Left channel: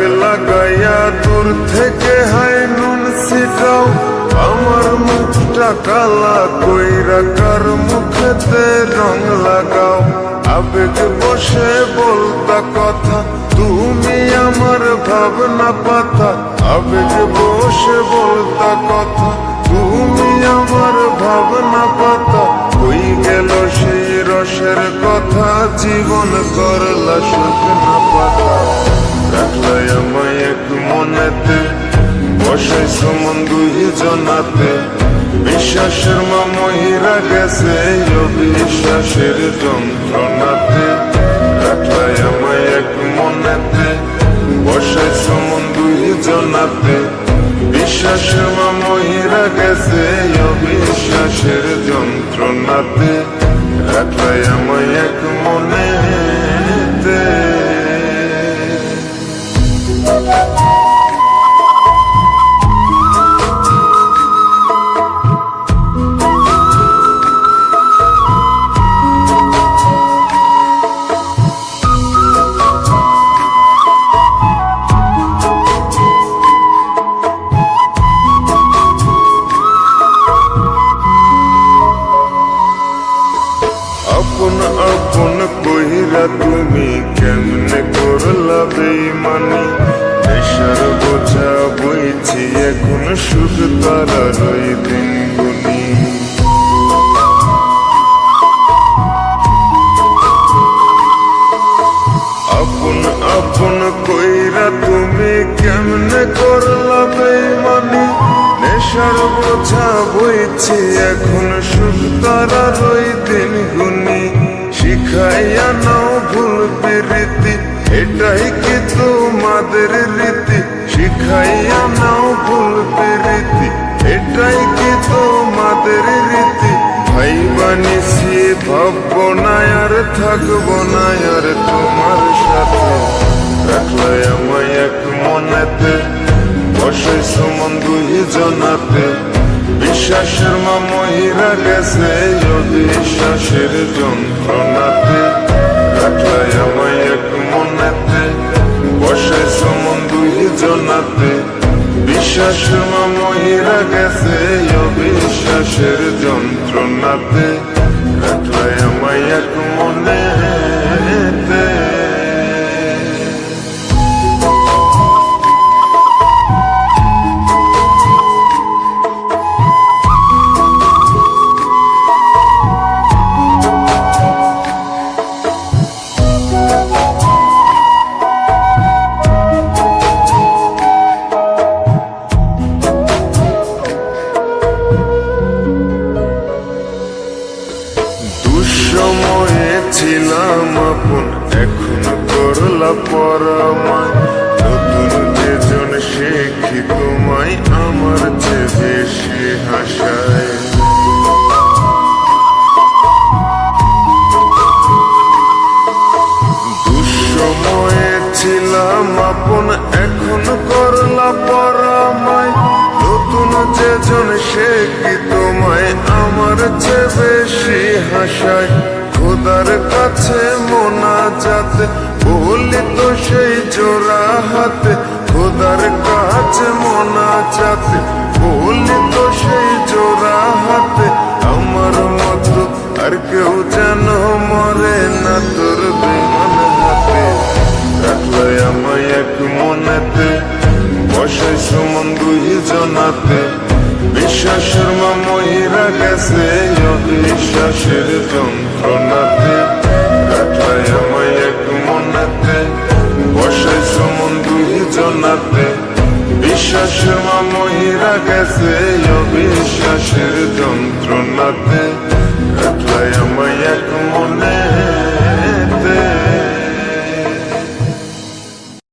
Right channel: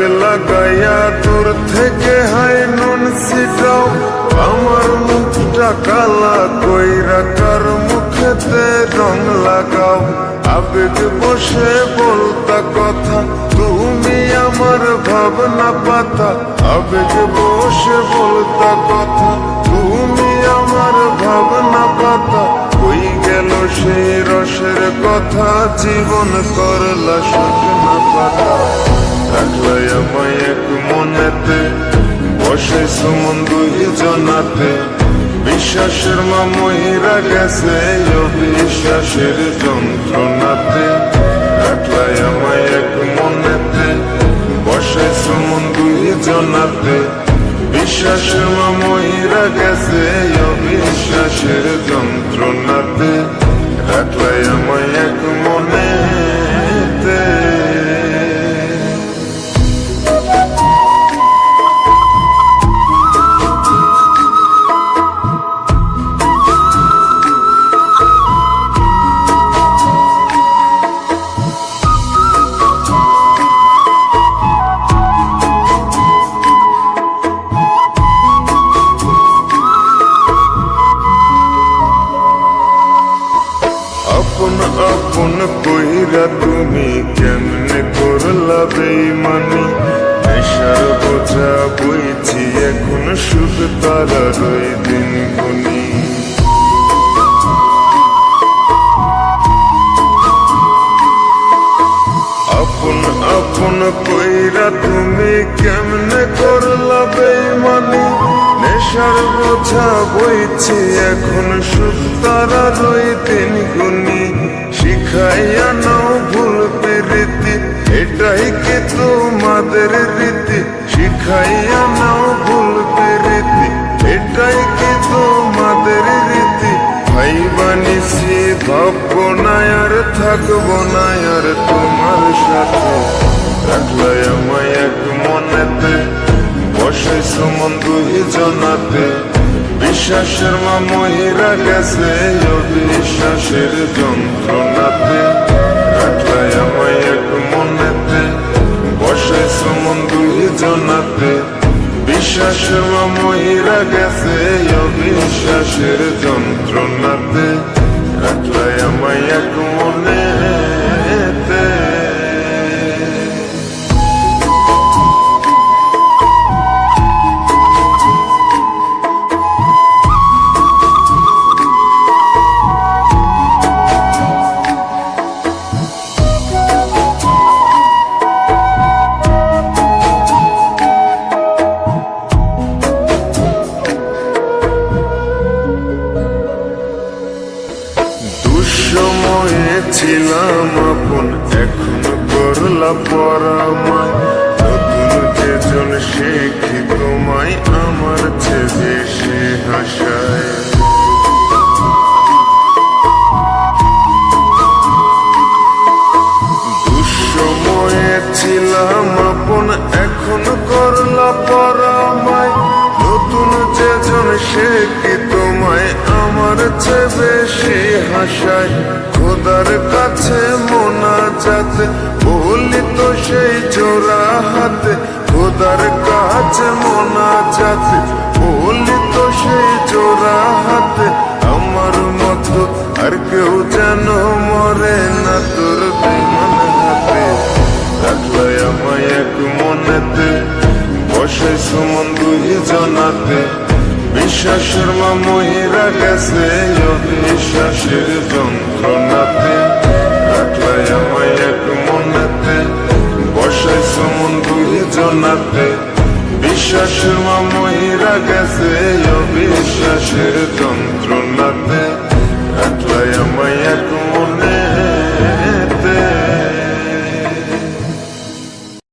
লাগাইয়া দূর থেকে হাই নুন ছিটাও, আমার মুখটা কালা কইরা কার মুখেতে রং লাগাও। আবেগ বসে বলতা কথা, তুমি আমার ভাবনা পাতা। আবেগ বসে বলতা কথা, তুমি আমার ভাবনা পাতা। কই গেল সেই রসের কথা, জীবন করলা শুকনা পাতা। রাখলাই আমায় এক মনেতে, বসাইছো মন দুই জনাতে। বিশ্বাসের মা মহিরা গেছে অবিশ্বাসের যন্ত্রণাতে। রাখলাই আমায় এক মনেতে, বসাইছো মন দুই জনাতে। বিশ্বাসের মা মহিরা গেছে অবিশ্বাসের যন্ত্রণাতে। রাখলাই আমায় এক মনেতে। আপন আপন কইরা তুমি কেমনে করলা বেইমানি। নেশার বোঝা বইছি এখন, সুখ তারার ওই দিন গুনি। আপন আপন কইরা তুমি কেমনে করলা বেইমানি। নেশার বোঝা বইছি এখন, সুখ তারার ওই দিন গুনি। শিখাইয়া নাও ভুল প্রীতি, এটাই কি তোমাদের রীতি। শিখাইয়া নাও ভুল প্রীতি, এটাই কি তোমাদের রীতি। ভাই বানিছি ভাববো না আর থাকবো না আর তোমার সাথে। রাখলাই আমায় এক মনেতে, বসাইছো মন দুই জনাতে। বিশ্বাসের মা মহিরা গেছে অবিশ্বাসের যন্ত্রণাতে। রাখলাই আমায় এক মনেতে, বসাইছো মন দুই জনাতে। বিশ্বাসের মা মহিরা গেছে অবিশ্বাসের যন্ত্রণাতে। রাখলাই আমায় এক মনেতে। দুঃসময়ে ছিলাম আপন, এখন করলা পরামায়। নতুন যেজন শেখি তোমায়, আমার চেয়ে বেশি হাসায়। দুঃসময়ে ছিলাম আপন, এখন করলা পরামায়। নতুন যেজন শেখি তোমায়, আমার চেয়ে বেশি হাসায়। খোদার কাছে মোনাজাতে বলি তো সেই জোড়া হাতে। খোদার কাছে মোনাজাতে বলি তো সেই জোড়া হাতে। আমার মতো আর কেউ যেন মরে না তোর বেমান হাতে। রাখলাই আমায় এক মনেতে, বসাইছো মন দুই জনাতে। বিশ্বাসের মা মহিরা গেছে অবিশ্বাসের যন্ত্রণাতে। রাখলাই আমায় এক মনেতে, বসাইছো মন দুই জনাতে। বিশ্বাসের মা মহিরা গেছে অবিশ্বাসের যন্ত্রণাতে। রাখলাই আমায় এক মনে।